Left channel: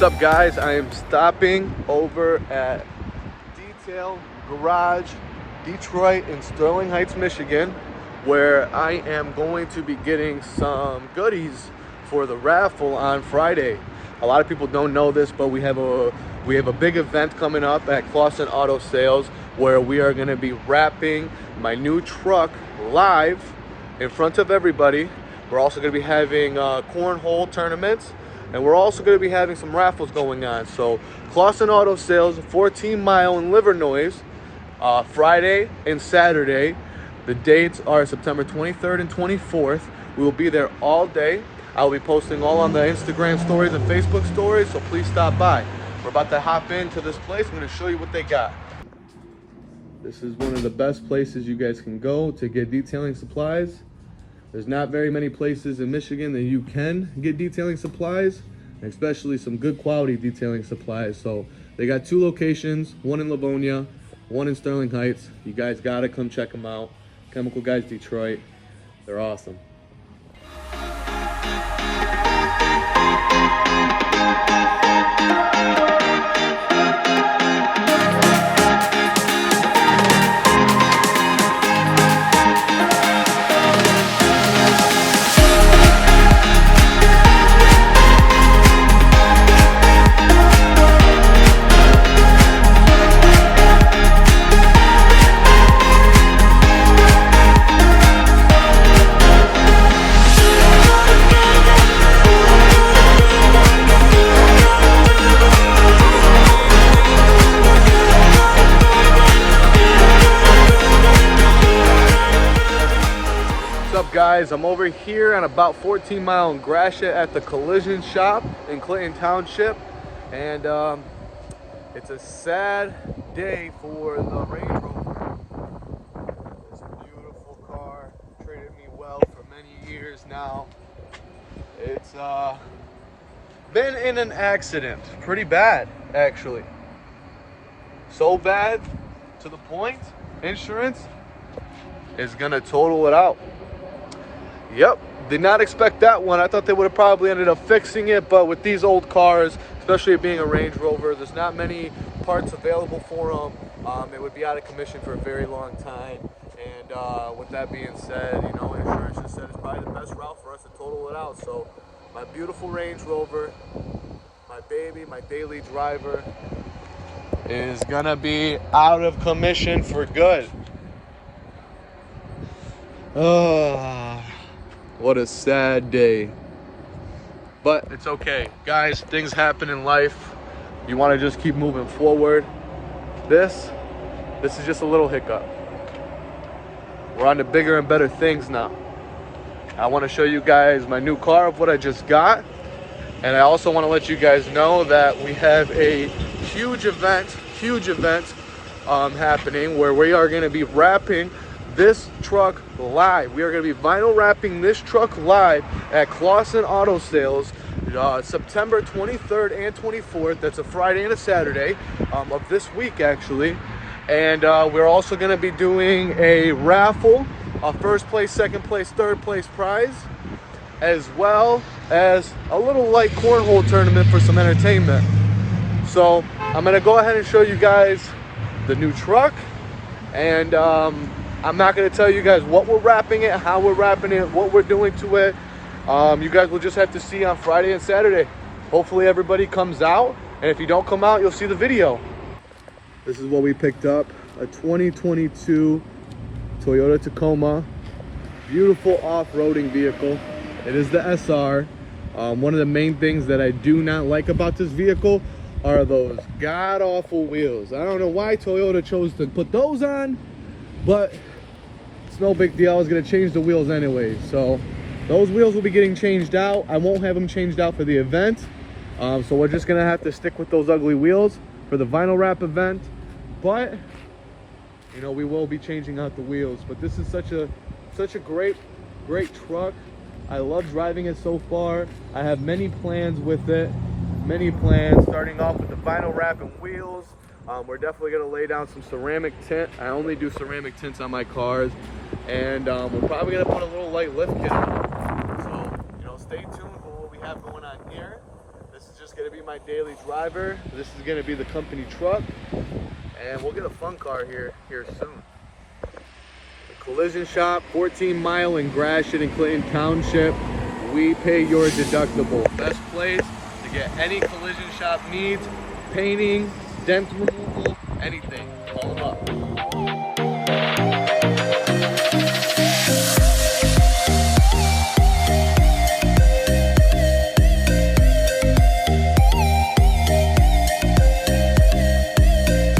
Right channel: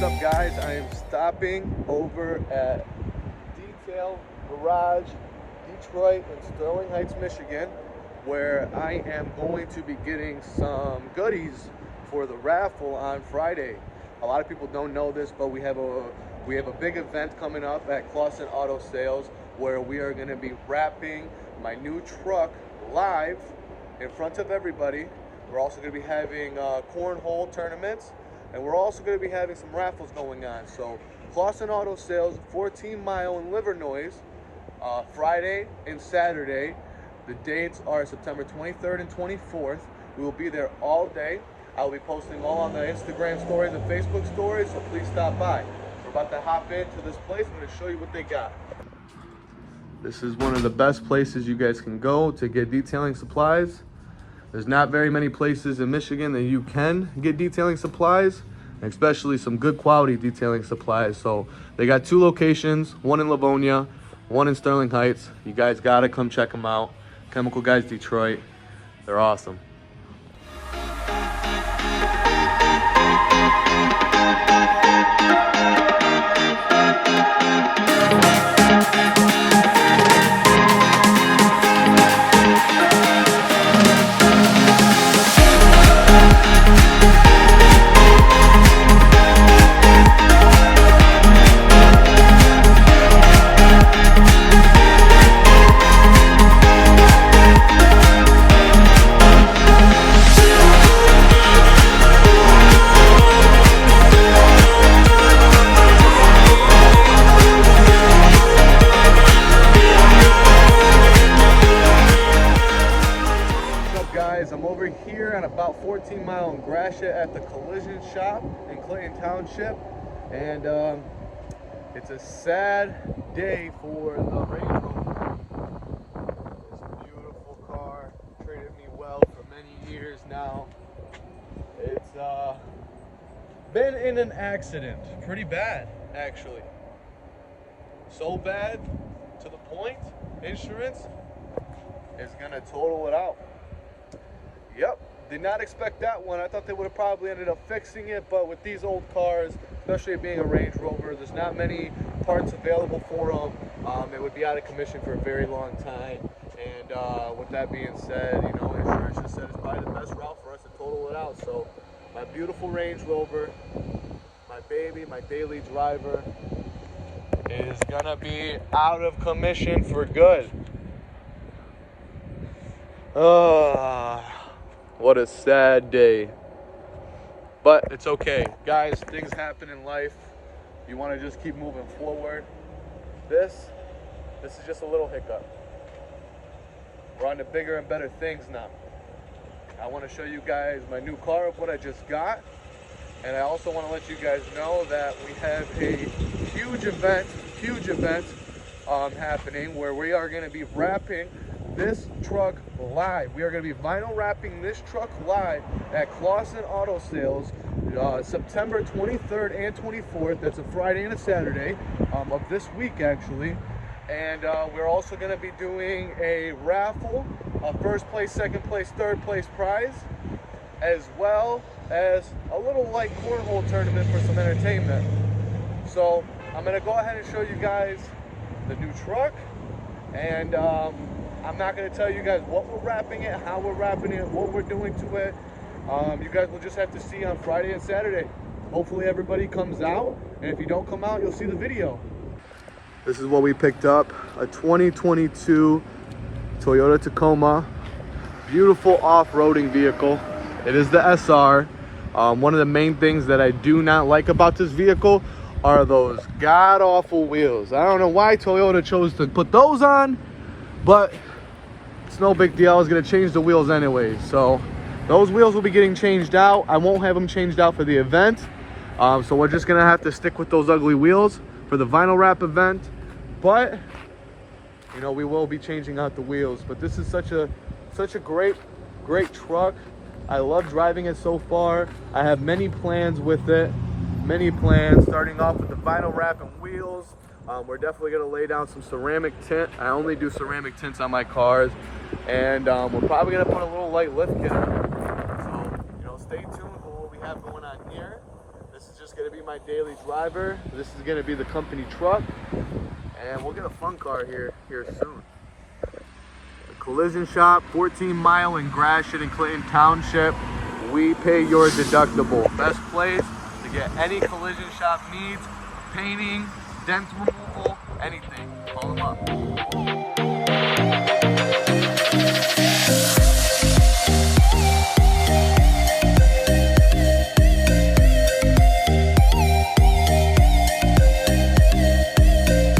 What's up, guys? I am stopping over at Detail Garage Detroit in Sterling Heights, Michigan, where I am going to be getting some goodies for the raffle on Friday. A lot of people don't know this, but we have a big event coming up at Clausen Auto Sales where we are going to be wrapping my new truck live in front of everybody. We're also going to be having cornhole tournaments, and we're also going to be having some raffles going on. So Clausen Auto Sales, 14 Mile in Livernois, Friday and Saturday. The dates are September 23rd and 24th. We will be there all day. I'll be posting all on the Instagram stories and Facebook stories, so please stop by. We're about to hop into this place. I'm going to show you what they got. This is one of the best places you guys can go to get detailing supplies. There's not very many places in Michigan that you can get detailing supplies, especially some good quality detailing supplies. So they got 2 locations, one in Livonia, one in Sterling Heights. You guys gotta come check them out. Chemical Guys Detroit, they're awesome. Guys, I'm over here on about 14 Mile in Gratiot at the collision shop in Clinton Township, and it's a sad day for the Range Rover. It's a beautiful car, traded me well for many years now. It's been in an accident, pretty bad actually. So bad to the point insurance is gonna total it out. Yep, did not expect that one. I thought they would have probably ended up fixing it, but with these old cars, especially it being a Range Rover, there's not many parts available for them. It would be out of commission for a very long time. And with that being said, you know, insurance just said it's probably the best route for us to total it out. So my beautiful Range Rover, my baby, my daily driver, is gonna be out of commission for good. What a sad day. But it's okay. Guys, things happen in life. You want to just keep moving forward. This is just a little hiccup. We're on to bigger and better things now. I want to show you guys my new car of what I just got. And I also want to let you guys know that we have a huge event happening where we are going to be wrapping this truck live. We are going to be vinyl wrapping this truck live at Clausen Auto Sales September 23rd and 24th. That's a Friday and a Saturday of this week actually. And we're also going to be doing a raffle, a first place, second place, third place prize, as well as a little light cornhole tournament for some entertainment. So I'm going to go ahead and show you guys the new truck, and I'm not going to tell you guys what we're wrapping it, how we're wrapping it, what we're doing to it. You guys will just have to see on Friday and Saturday. Hopefully everybody comes out, and if you don't come out, you'll see the video. This is what we picked up, a 2022 Toyota Tacoma. Beautiful off-roading vehicle. It is the SR. One of the main things that I do not like about this vehicle are those god-awful wheels. I don't know why Toyota chose to put those on, but it's no big deal. I was gonna change the wheels anyway, so those wheels will be getting changed out. I won't have them changed out for the event, so we're just gonna have to stick with those ugly wheels for the vinyl wrap event. But you know, we will be changing out the wheels. But this is such a great truck. I love driving it so far. I have many plans with it, starting off with the vinyl wrap and wheels. We're definitely going to lay down some ceramic tint. I only do ceramic tints on my cars. And we're probably going to put a little light lift kit on. So, you know, stay tuned for what we have going on here. This is just gonna be my daily driver. This is gonna be the company truck. And we'll get a fun car here soon. A collision shop, 14 Mile in Gratiot in Clinton Township. We pay your deductible. Best place to get any collision shop needs, painting, dent removal, anything. Call them up.